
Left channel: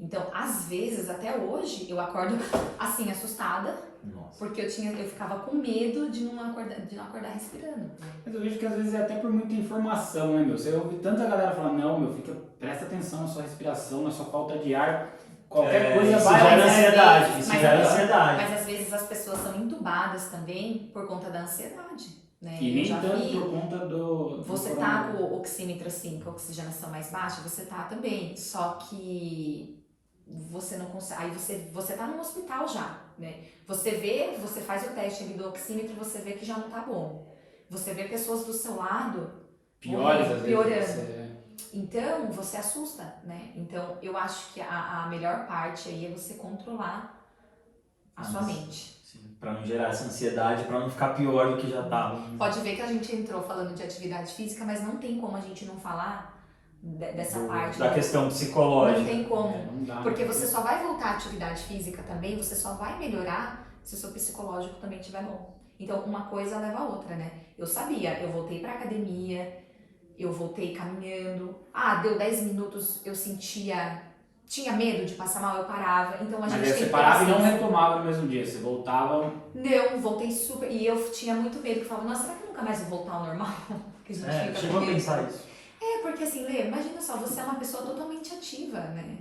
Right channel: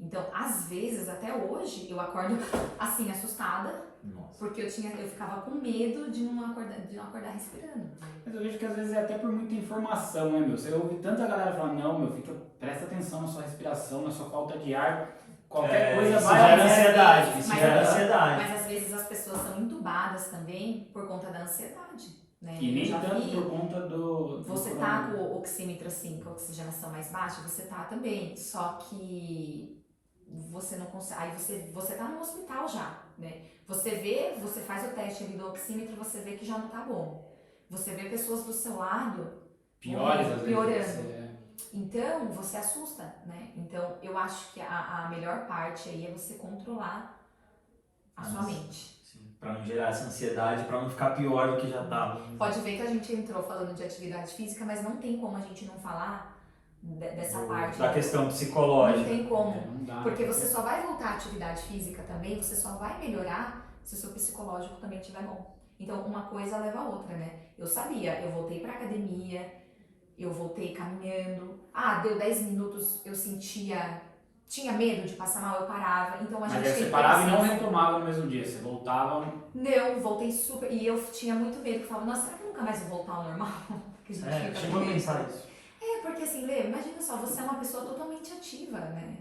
Então, às vezes, até hoje, eu acordo assim, assustada. Nossa. Porque eu ficava com medo de não acordar respirando. Mas eu vejo que às vezes é até por muita informação, né, meu? Você ouve tanta galera falando, não, meu, presta atenção na sua respiração, na sua falta de ar. Qualquer coisa isso vai... gera Mas, ansiedade, isso mas- gera ansiedade. Mas às vezes as pessoas são entubadas também por conta da ansiedade. Né? E nem Eu já tanto vi. por conta do... Você tá com o oxímetro assim, com a oxigenação mais baixa, você tá também. Só que você não consegue. Aí você tá no hospital já. né? Você faz o teste ali do oxímetro e você vê que já não tá bom. Você vê pessoas do seu lado Piores, às piorando. vezes. Então, você assusta, né? Então, eu acho que a melhor parte aí é você controlar a sua mente. Para não gerar essa ansiedade, para não ficar pior do que já estava. Pode ver que a gente entrou falando de atividade física, mas não tem como a gente não falar dessa parte. Da questão psicológica. Não tem como. Não dá, Porque você só vai voltar à atividade física também, você só vai melhorar se o seu psicológico também estiver bom. Então, uma coisa leva a outra, né? Eu sabia, eu voltei pra academia, eu voltei caminhando. Deu 10 minutos, eu tinha medo de passar mal, eu parava. Então, a gente Mas aí você parava e não retomava no mesmo dia, você voltava... Não, voltei super... E eu tinha muito medo, que eu falava, nossa, será que nunca mais vou voltar ao normal? Que a gente fica chegou a pensar isso. Porque assim, Lê, imagina só, você é uma pessoa totalmente ativa, né?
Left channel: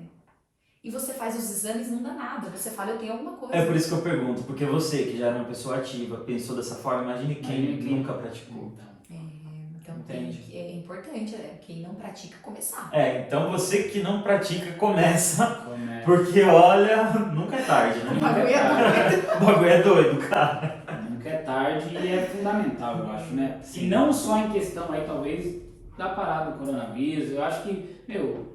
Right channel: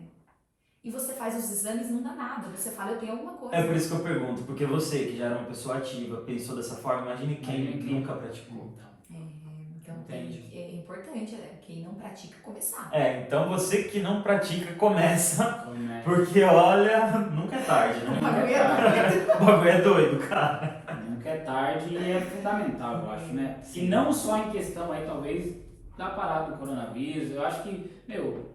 E você faz os exames, não dá nada. Você fala, eu tenho alguma coisa. É por isso que eu pergunto, porque você, que já era uma pessoa ativa, pensou dessa forma, imagine quem nunca praticou. Então Entende? é importante, quem não pratica, começar. Então você que não pratica, começa. Porque, olha, nunca é tarde, né? O bagulho é doido. O bagulho é doido, cara. Nunca é tarde e é fundamental, eu acho, né? E não só em questão aí, talvez, da parada do coronavírus, eu acho que,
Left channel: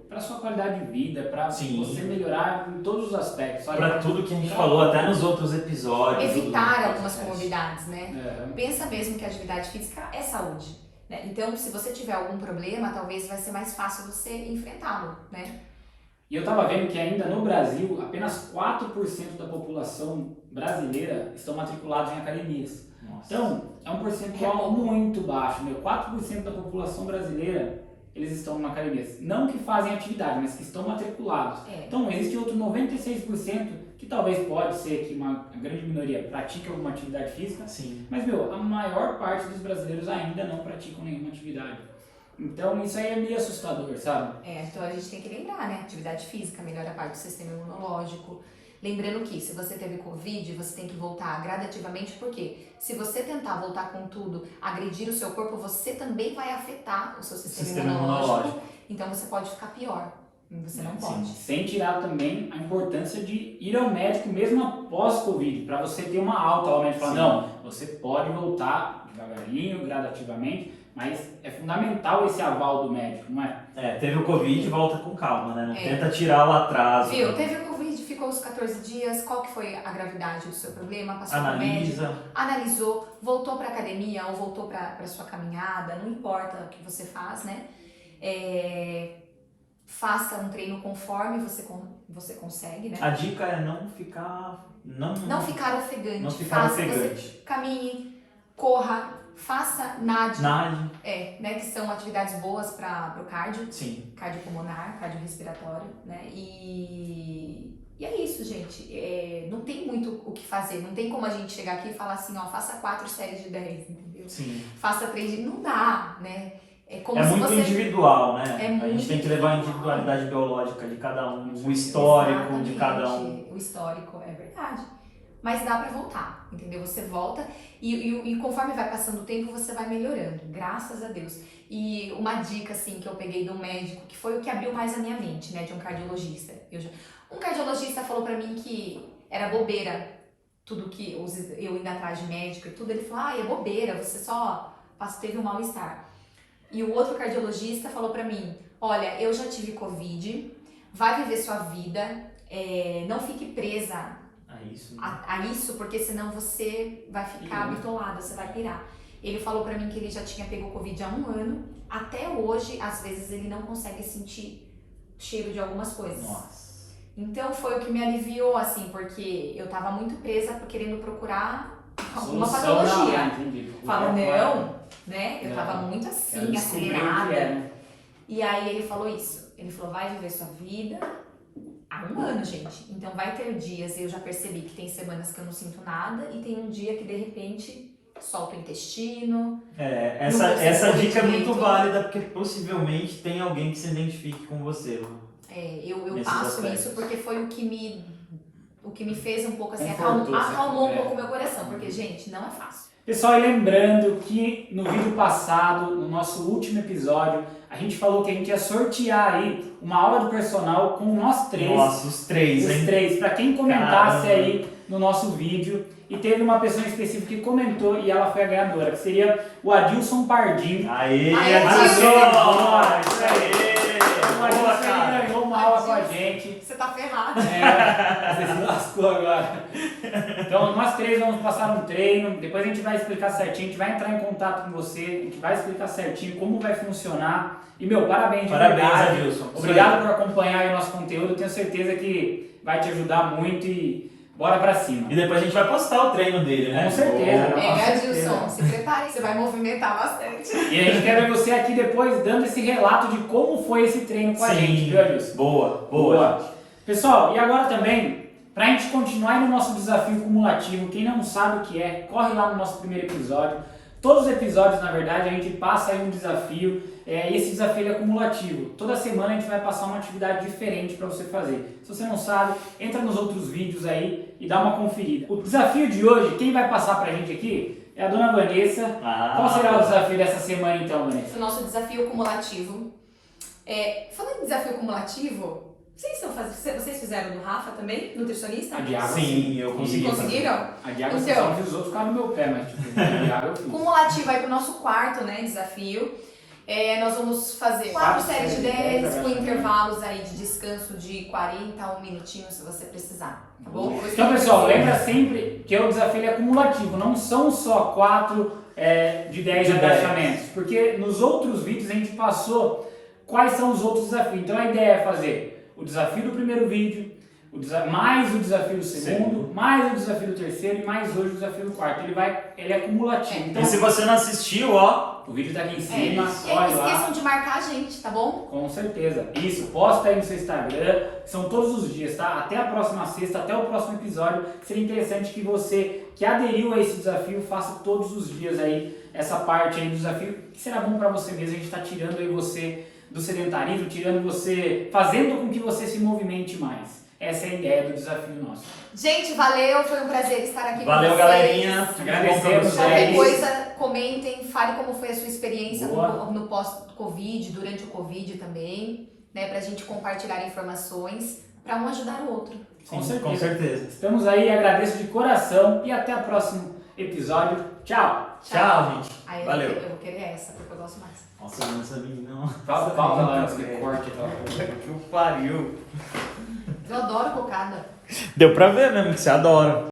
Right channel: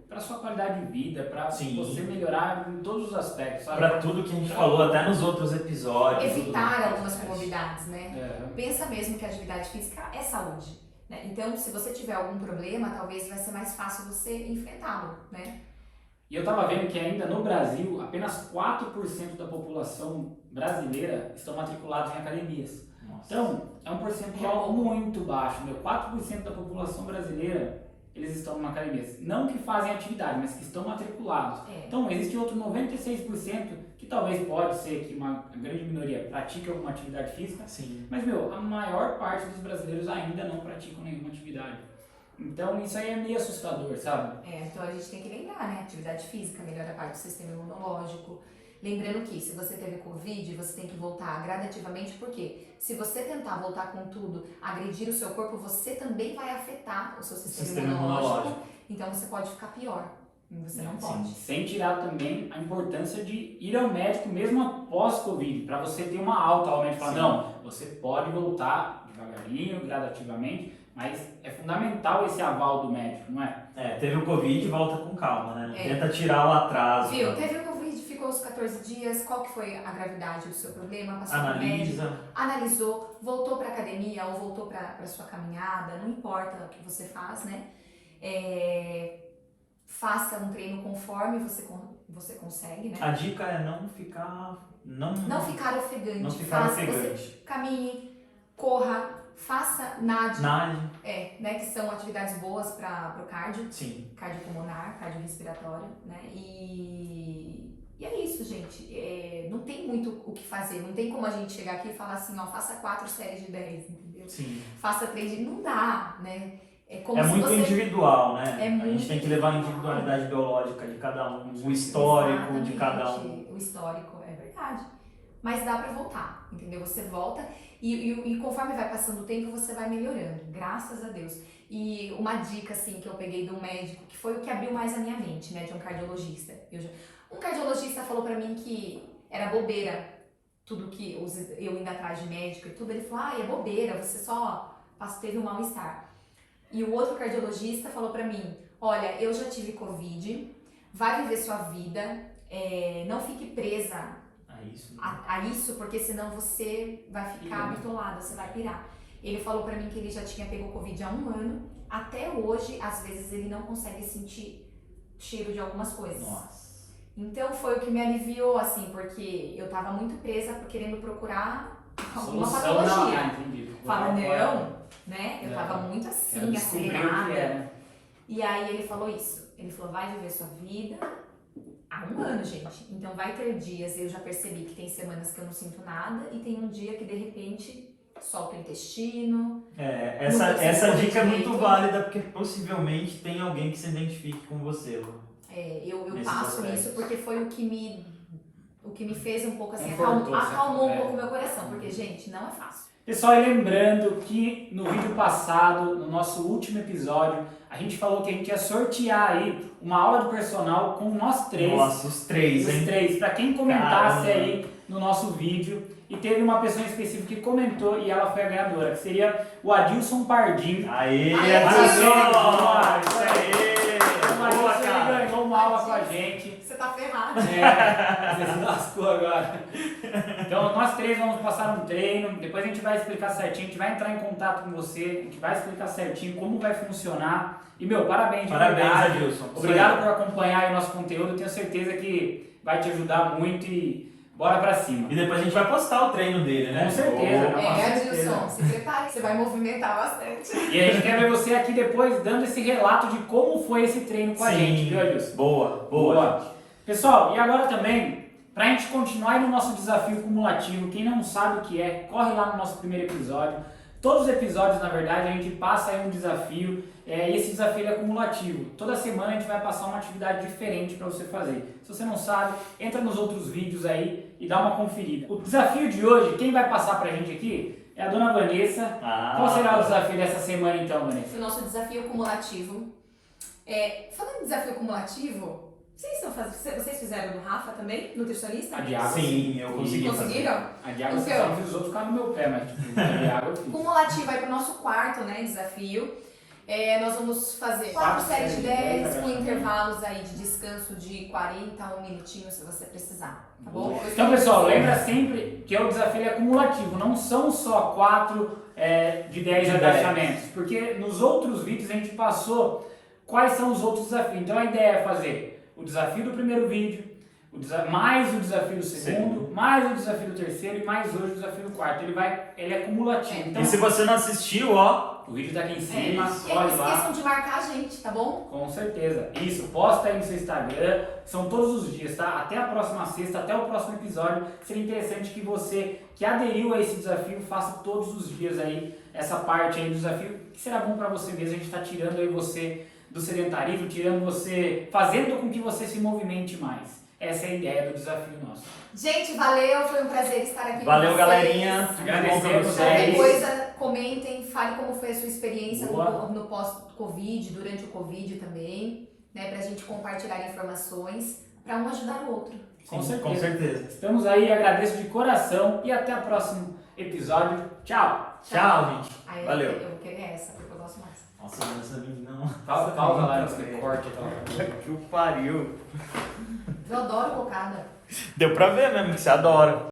pra sua qualidade de vida, pra você melhorar em todos os aspectos, sabe? Pra tudo que a gente falou, até nos outros episódios. Evitar algumas comorbidades, né? Pensa mesmo que a atividade física é saúde, né? Então, se você tiver algum problema, talvez vai ser mais fácil você enfrentá-lo, né? E eu tava vendo que ainda no Brasil, apenas 4% da população brasileira estão matriculados em academias. Nossa. Então, é um percentual muito baixo, 4% da população brasileira, eles estão numa academia. Não que fazem atividade, mas que estão matriculados. Então, existe outro 96% que talvez pode ser que uma grande minoria pratique alguma atividade física. Sim. Mas, a maior parte dos brasileiros ainda não praticam nenhuma atividade. Então, isso aí é meio assustador, sabe? Então a gente tem que lembrar, né? Atividade física melhora a parte do sistema imunológico. Lembrando que se você teve Covid, você tem que voltar gradativamente, porque se você tentar voltar com tudo, agredir o seu corpo, você também vai afetar o seu sistema imunológico. Então você pode ficar pior. Você não pode. Sem tirar também a importância de ir ao médico mesmo após Covid, para você ter uma alta ao médico falar, não, você pode voltar devagarinho, gradativamente, mas é fundamental esse aval do médico, não é? Teve o Covid, volta com calma, né? Não tenta tirar o atraso. Viu? Teve o Covid, ficou os 14 dias, qual que foi a gravidade do seu problema? Passou pro médico, analisou, voltou pra academia ou voltou pra sua caminhada, não importa o que você faz, né? Faça um treino conforme você consegue, né? A dica é não ficar... Não ficar ofegante. Não ficar ofegante. Você caminhe, corra, faça nade. Né? Que são atividades boas para o cardio. Sim. Cardiopulmonar, cardiorrespiratório, né? E é isso, gente. Não tem muito o que fazer. Não tem como a gente chegar aqui e falar assim, faça 4 séries de 10, entendeu? Sim. Faça 3 de... Não dá, né? É muito individual, né? A gente tem que levar a individualidade individual. biológica de cada um, o histórico Exatamente, de cada um. O histórico, é verdade. Mas dá pra voltar, entendeu? Você volta e conforme vai passando o tempo, você vai melhorando, graças a Deus. E uma dica, assim, que eu peguei de um médico, que foi o que abriu mais a minha mente, né? De um cardiologista. Um cardiologista falou pra mim que era bobeira, tudo que eu indo atrás de médico e tudo. Ele falou, é bobeira, você só teve um mal-estar. E o outro cardiologista falou pra mim, olha, eu já tive Covid, vai viver sua vida, não fique presa a isso, porque senão você vai ficar bitolada, você vai pirar. Ele falou pra mim que ele já tinha pego Covid há 1 ano, até hoje, às vezes ele não consegue sentir cheiro de algumas coisas. Nossa. Então foi o que me aliviou, assim, porque eu tava muito presa querendo procurar alguma patologia. Fala, não, né? Eu tava muito assim, acelerada. E aí ele falou isso. Ele falou, vai viver sua vida há 1 ano, gente. Então vai ter dias, eu já percebi que tem semanas que eu não sinto nada e tem um dia que de repente solta o intestino. Essa dica é muito válida porque possivelmente tem alguém que se identifique com você. Eu passo isso porque foi o que me fez um pouco assim, acalmou um pouco o meu coração, porque, gente, não é fácil. Pessoal, e lembrando que no vídeo passado, no nosso último episódio, a gente falou que a gente ia sortear aí uma aula de personal com nós 3. Nossa, os 3, hein? Os 3, pra quem comentasse aí no nosso vídeo e teve uma pessoa específica que comentou e ela foi a ganhadora, que seria o Adilson Pardim. Aê, Aê, Adilson! Adilson! Isso aí! O Adilson Boa, ele cara! ganhou uma aula com a gente. Você tá ferrado. Você se lascou agora. Então nós três vamos passar um treino, depois a gente vai explicar certinho, a gente vai entrar em contato com você, a gente vai explicar certinho como vai funcionar. E meu, parabéns de Parabéns, verdade. Adilson. Obrigado por acompanhar aí o nosso conteúdo, eu tenho certeza que vai te ajudar muito e bora pra cima. E depois a gente vai postar o treino dele, né? Com certeza. Boa. Com certeza. Adilson, se prepare, você vai movimentar bastante. E a gente quer ver você aqui depois dando esse relato de como foi esse treino com a gente, viu, Adilson? Boa. Pessoal, e agora também, pra gente continuar aí no nosso desafio cumulativo, quem não sabe o que é, corre lá no nosso primeiro episódio. Todos os episódios, na verdade, a gente passa aí um desafio, e esse desafio ele é cumulativo. Toda semana a gente vai passar uma atividade diferente para você fazer. Se você não sabe, entra nos outros vídeos aí e dá uma conferida. O desafio de hoje, quem vai passar pra gente aqui é a dona Vanessa. Qual será o desafio dessa semana então, Vanessa? O nosso desafio cumulativo. Falando em desafio cumulativo, vocês fizeram do Rafa também, nutricionista? A de água, Sim, eu consegui. Conseguiram? A de água, Então, só fiz os outros ficaram no meu pé, mas tipo, a de água eu fiz. Cumulativo aí pro nosso quarto, né, desafio. Nós vamos fazer 4 Quatro séries de séries de 10 10 com agachamento. intervalos aí de descanso de 40 a 1 minutinho se você precisar, tá bom? Então, pessoal, lembra sempre que o desafio ele é cumulativo, não são só 4 de 10 agachamentos, porque nos outros vídeos a gente passou quais são os outros desafios. Então a ideia é fazer o desafio do primeiro vídeo, mais o desafio do segundo, mais o desafio do terceiro e mais hoje o desafio do quarto. Ele é cumulativo. Então, E se você não assistiu, ó, o vídeo tá aqui em cima, E aí, olha não lá. esqueçam de marcar a gente, tá bom? Com certeza. Isso, posta aí no seu Instagram, são todos os dias, tá? Até a próxima sexta, até o próximo episódio. Seria interessante que você que aderiu a esse desafio faça todos os dias aí essa parte aí do desafio, que será bom pra você mesmo. A gente tá tirando aí você do sedentarismo, tirando você, fazendo com que você se movimente mais. Essa é a ideia do desafio nosso. Gente, valeu, foi um prazer estar aqui valeu, com vocês. galerinha. Tudo bom pra Agradecemos, Qualquer vocês. coisa, comentem, fale como foi a sua experiência Boa. no pós-Covid, durante o Covid também, né, pra gente compartilhar informações para um ajudar o outro. Com Sim, certeza. com certeza. Estamos aí, agradeço de coração e até o próximo episódio. Tchau! Tchau, gente. Aí Valeu. eu vou querer essa, porque eu gosto mais. Nossa, essa menina não. Pausa lá nesse velho. corte. Tá? Que pariu. Eu adoro cocada. Deu pra ver mesmo que você adora.